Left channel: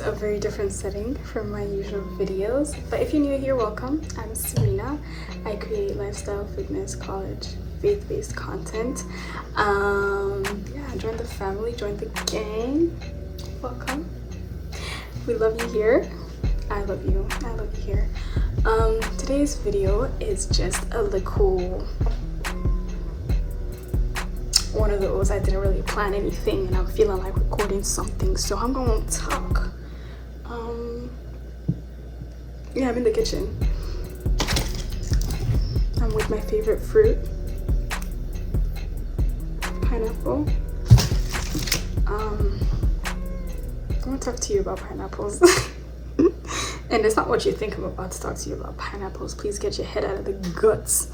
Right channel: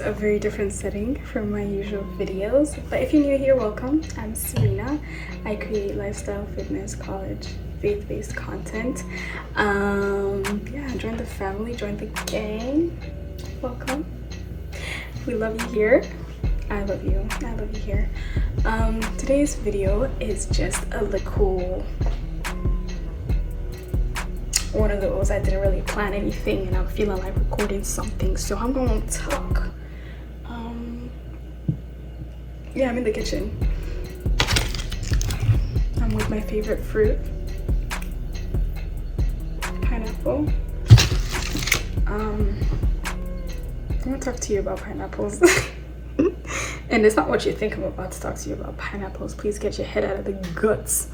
is a very different setting from my usual videos, but if you're new here, welcome. I'm Serena. I create lifestyle, fitness, college, faith-based content. Yeah, join the family, join the gang. Welcome. We love you here. I love you. I love you here. Today's video is just a little one of those. I didn't really plan anything and I'm feeling like recording something, so I'm gonna talk. Yeah, I'm in the kitchen. I'm with my favorite fruit, pineapple. I'm gonna talk to you about pineapples. And it's not what you think I'm about to talk to you about. Pineapples. Please get your head out of the guts,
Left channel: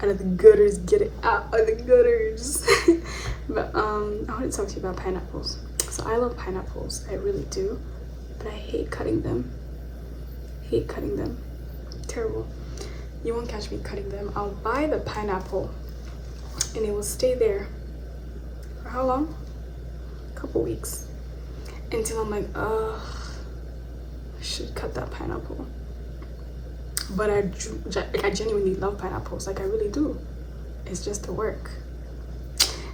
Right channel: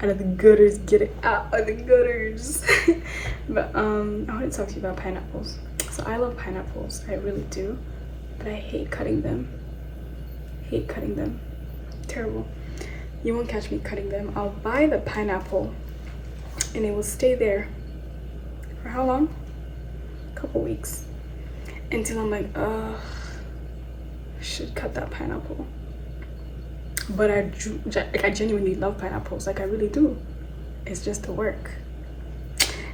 out of the gutters. Get it out of the gutters. But I want to talk to you about pineapples. So I love pineapples, I really do, but I hate cutting them. Hate cutting them. Terrible. You won't catch me cutting them. I'll buy the pineapple and it will stay there for how long? A couple weeks, until I'm like, I should cut that pineapple. But I genuinely love pineapples, like I really do. It's just the work.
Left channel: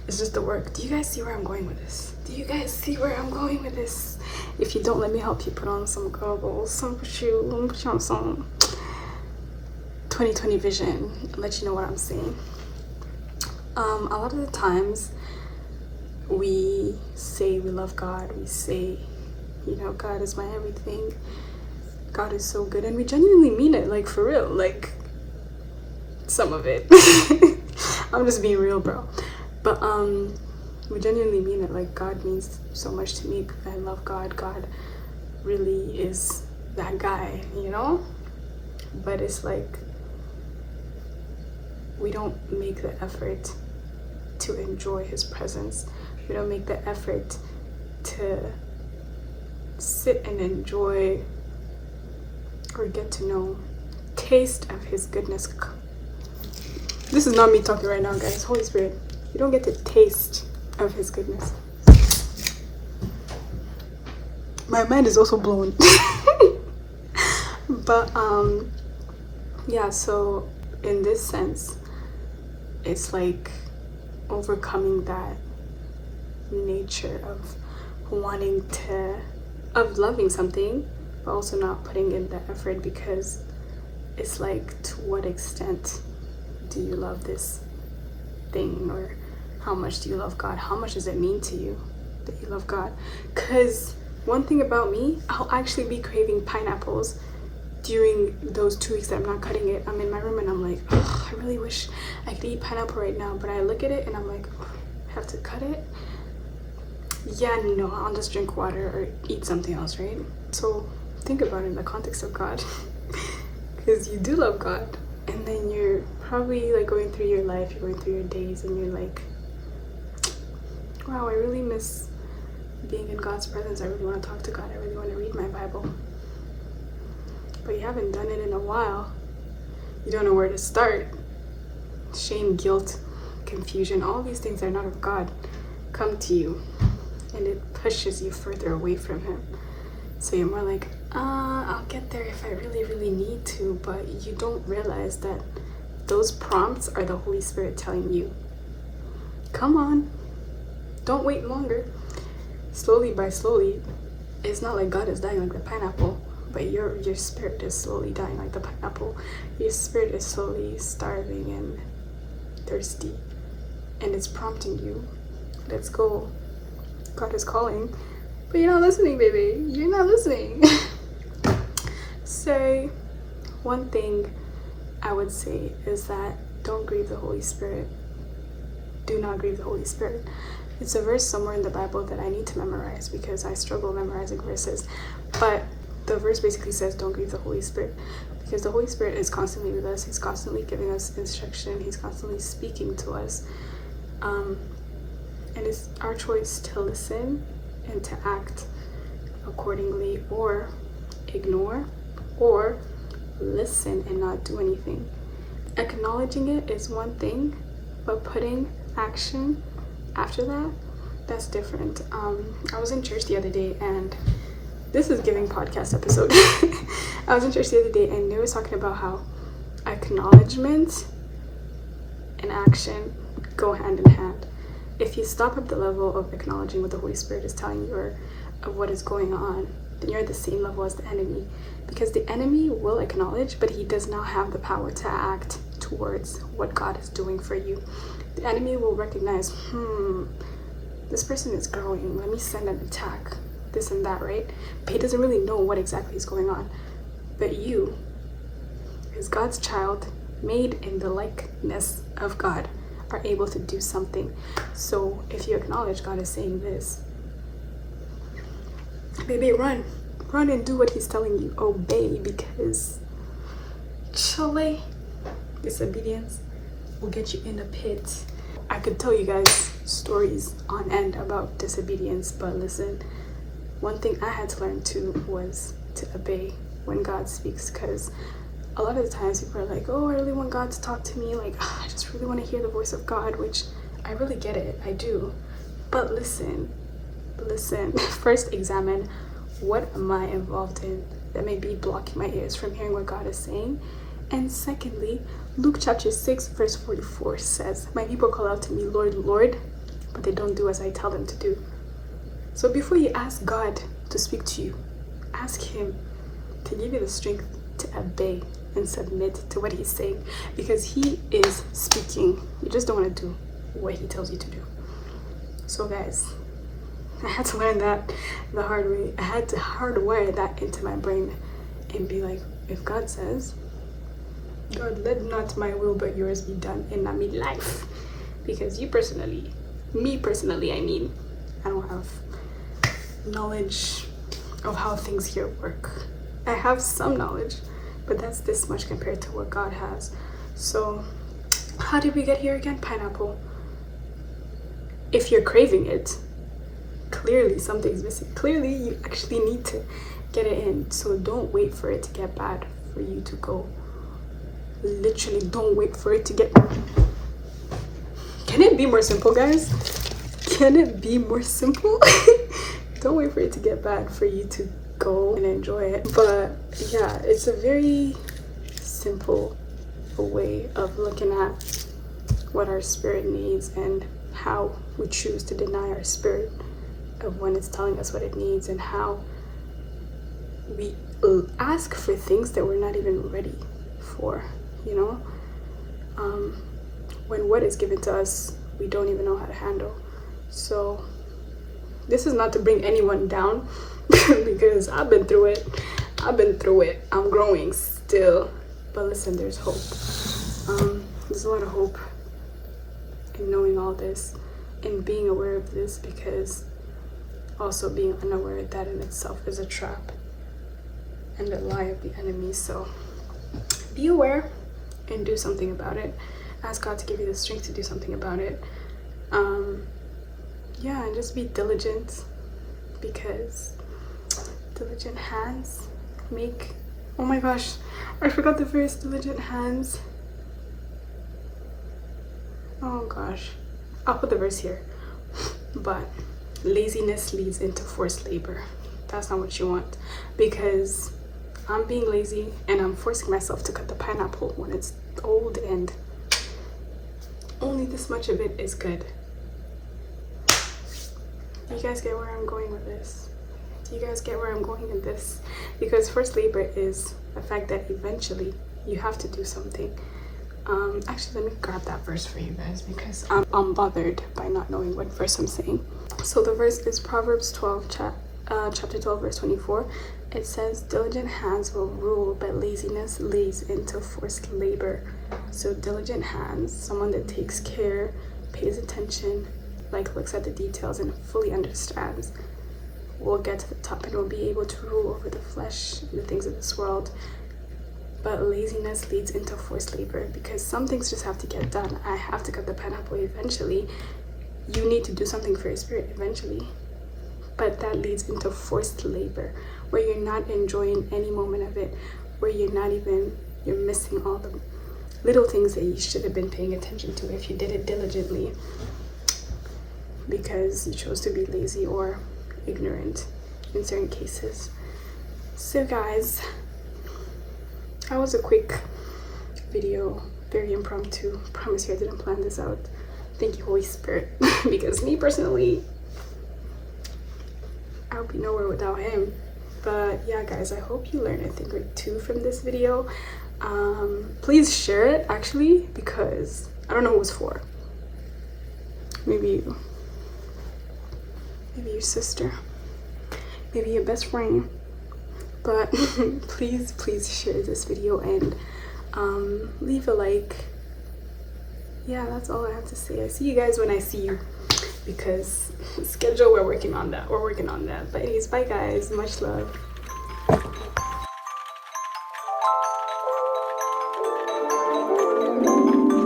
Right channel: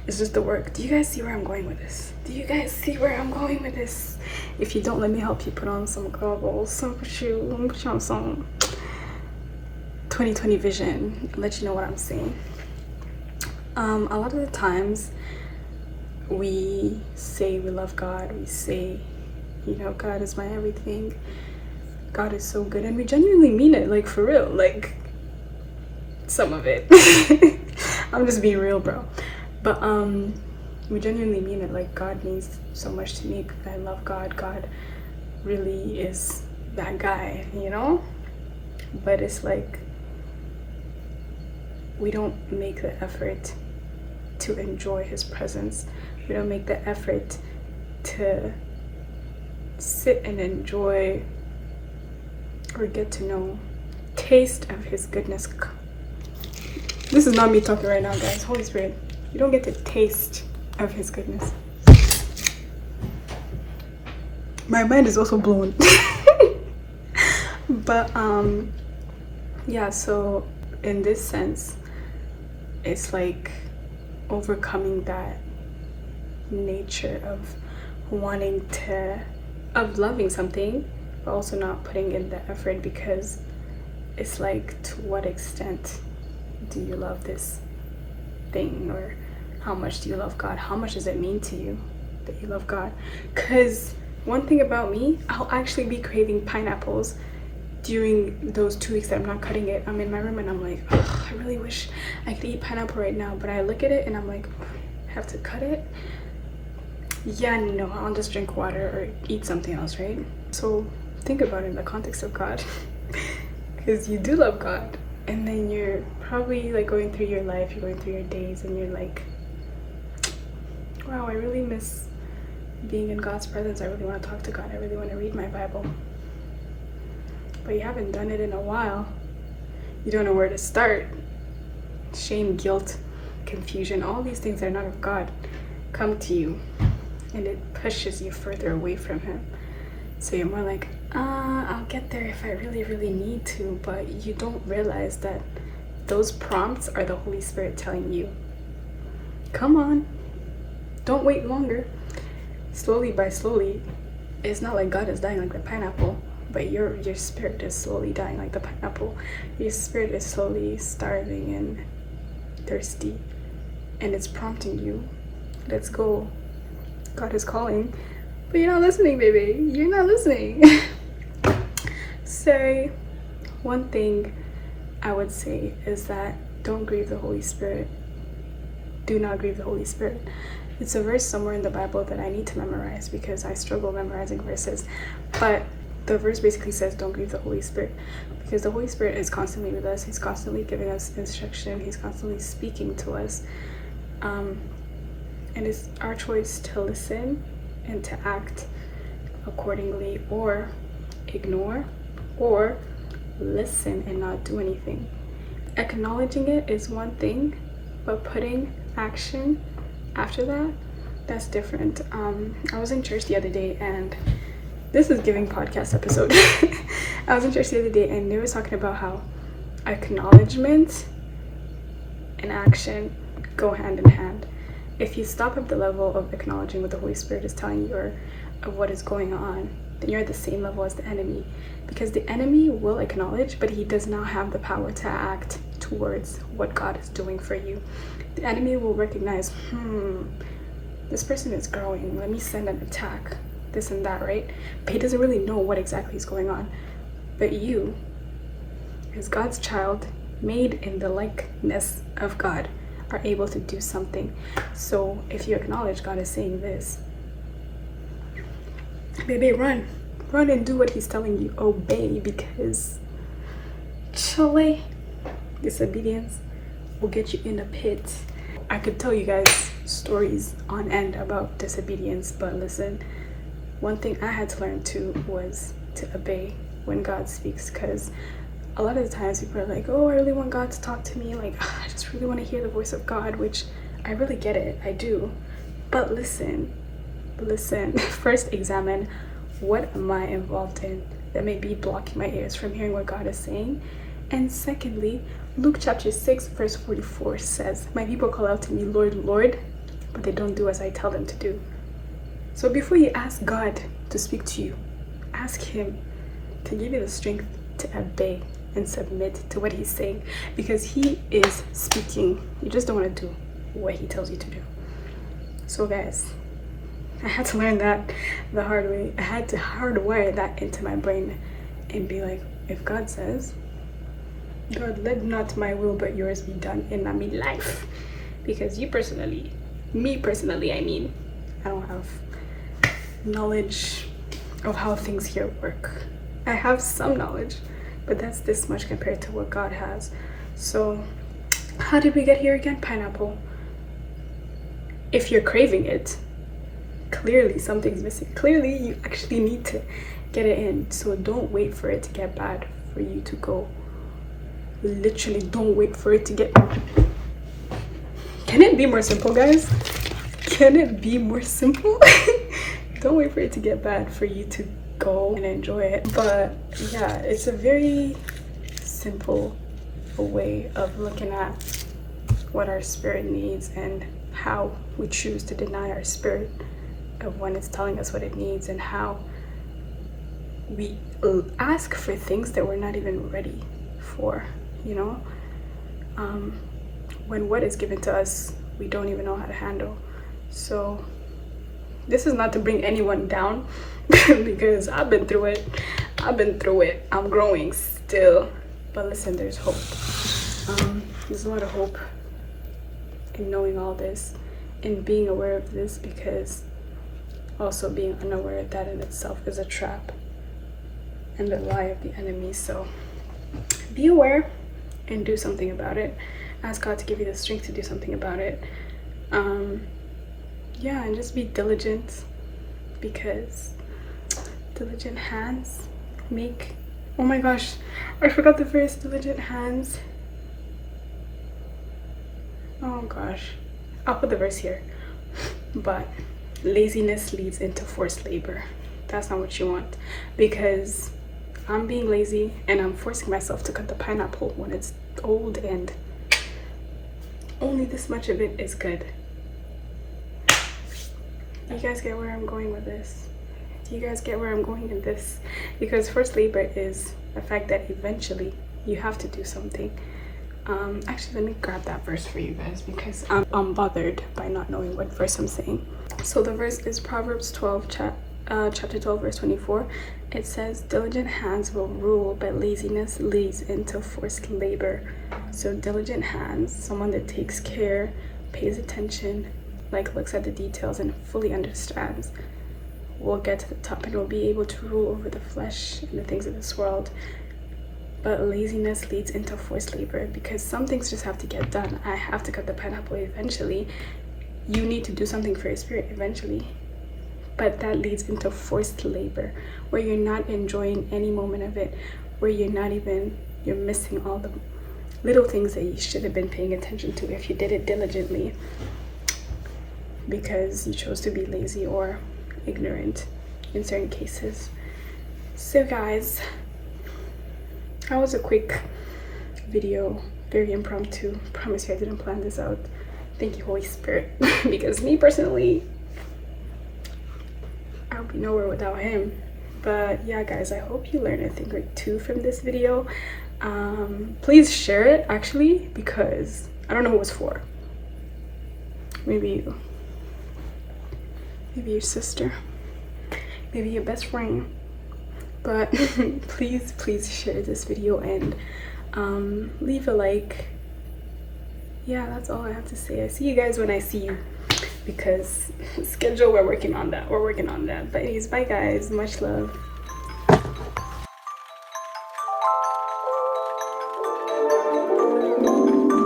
It's just the work. Do you guys see where I'm going with this? Do you guys see where I'm going with this? If you don't, let me help you put on some goggles. Let me put you on some 2020 vision and let you know what I'm saying. A lot of the times we say we love God. We say, you know, God is my everything. God is so good, and we genuinely mean it, like for real, like some of it. I'm just being real, bro. But we genuinely mean it, like God means so much to me because I love God. God really is that guy, you know? But it's like we don't make the effort to enjoy his presence. We don't make the effort to sit and enjoy or get to know, taste of his goodness. This is not me talking right now, guys. Holy Spirit, you don't get to taste of his goodness. My mind is also blown. But yeah, so in this sense, it's like overcoming that nature of wanting to, of loving something, but also not putting in the effort, because it's like, to what extent do you love this thing, or how much do you love God? How much does it mean to you that you love God? Because one thing about me, I'll actually be craving pineapples during those 2 weeks that I'm not cutting it. I'm in my room and I'm like, oh, I really wish I could eat pineapple right now, but I look at it and I'm like, oh, I have to cut it. Yeah, no, I'll just drink water or eat something else, right? So think about it in the context of God, because you do love God, and then you're probably like going through your life, you're going through your days, and you're like, wow, I really miss being in God's presence. I really want to talk to God. I really want to read my Bible. But you haven't done it in a while. You don't know where to start. Shame, guilt, confusion, all these things that are not of God come to you, and it pushes you further away from him. So you're more like, I'll get there if I really, really need to. But you don't realize that those prompts are the Holy Spirit telling you, come on, don't wait longer. Slowly by slowly, it's not like God is dying like the pineapple, but your spirit is slowly dying like the pineapple. Your spirit is slowly starving and thirsty, and it's prompting you, let's go. God is calling, but you're not listening, baby. You're not listening. So one thing I would say is that don't grieve the Holy Spirit. Do not grieve the Holy Spirit. It's a verse somewhere in the Bible that I need to memorize because I struggle memorizing verses. But the verse basically says don't grieve the Holy Spirit, because the Holy Spirit is constantly with us. He's constantly giving us instruction. He's constantly speaking to us. And it's our choice to listen and to act accordingly, or ignore, or listen and not do anything. Acknowledging it is one thing, but putting action after that, that's different. I was in church the other day and This is giving podcast episode. I was in church the other day and they were talking about how acknowledgement and action go hand in hand. If you stop at the level of acknowledging what the Holy Spirit is telling you or of what is going on, then you're at the same level as the enemy. Because the enemy will acknowledge, but he does not have the power to act towards what God is doing for you. The enemy will recognize, this person is growing, let me send an attack, this and that, right? But he doesn't really know what exactly is going on. But you, as God's child, made in the likeness of God, are able to do something. So if you acknowledge God is saying this, baby, run and do what he's telling you. Obey, because Chole, disobedience will get you in a pit. I could tell you guys stories on end about disobedience, but listen, one thing I had to learn too was to obey when God speaks, because a lot of the times people are like, oh, I really want God to talk to me, like, I just really want to hear the voice of God, which I really get it, I do. But listen, first examine, what am I involved in that may be blocking my ears from hearing what God is saying? And secondly, Luke chapter 6 verse 44 says, my people call out to me, Lord, Lord, but they don't do as I tell them to do. So before you ask God to speak to you, ask him to give you the strength to obey and submit to what he's saying, because he is speaking. You just don't want to do what he tells you to do. So guys, I had to learn that the hard way. I had to hardwire that into my brain and be like, if God says, God, let not my will but yours be done in my life. Because me personally, I don't have knowledge of how things here work. I have some knowledge, but that's this much compared to what God has. So how did we get here again? Pineapple. If you're craving it, clearly something's missing. Clearly you actually need to get it in. So don't wait for it to get bad for you to go. Literally don't wait for it to get... Can it be more simple, guys? Can it be more simple? Don't wait for it to get bad for you to go and enjoy it. But yeah, it's a very simple way of looking at what our spirit needs and how we choose to deny our spirit of when it's telling us what it needs, and how we ask for things that we're not even ready for, you know? When what is given to us, we don't even know how to handle. So this is not to bring anyone down because I've been through it. I'm growing still. But listen, there's hope. There's a lot of hope in knowing all this and being aware of this, because also being unaware that in itself is a trap and the lie of the enemy. So be aware and do something about it. Ask God to give you the strength to do something about it. Yeah, and just be diligent, because diligent hands make... Oh my gosh, I forgot the verse. Diligent hands. Oh gosh, I'll put the verse here. But laziness leads into forced labor. That's not what you want, because I'm being lazy and I'm forcing myself to cut the pineapple when it's old and only this much of it is good. Do you guys get where I'm going with this? Do you guys get where I'm going in this? Because forced labor is the fact that eventually you have to do something. Actually, let me grab that verse for you guys, because I'm unbothered by not knowing what verse I'm saying. So the verse is Proverbs 12, chapter 12, verse 24. It says, diligent hands will rule, but laziness leads into forced labor. So diligent hands, someone that takes care, pays attention, like looks at the details and fully understands, will get to the top and will be able to rule over the flesh and the things of this world. But laziness leads into forced labor, because some things just have to get done. I have to cut the pineapple eventually. You need to do something for your spirit eventually. But that leads into forced labor, where you're not enjoying any moment of it, where you're missing all the little things that you should have been paying attention to if you did it diligently, because you chose to be lazy or ignorant in certain cases. So guys, that was a quick video, very impromptu. Promise you I didn't plan this out. Thank you, Holy Spirit. Because me personally, I'll be nowhere without him. But yeah guys, I hope you learned a thing or two from this video. Please share it actually, because I don't know who it's for. Maybe you, maybe your sister, maybe your best friend. But please share this video and leave a like. Yeah, that's all I have to say. I see you guys when I see you, because schedule, we're working on that. But anyways, bye guys, much love.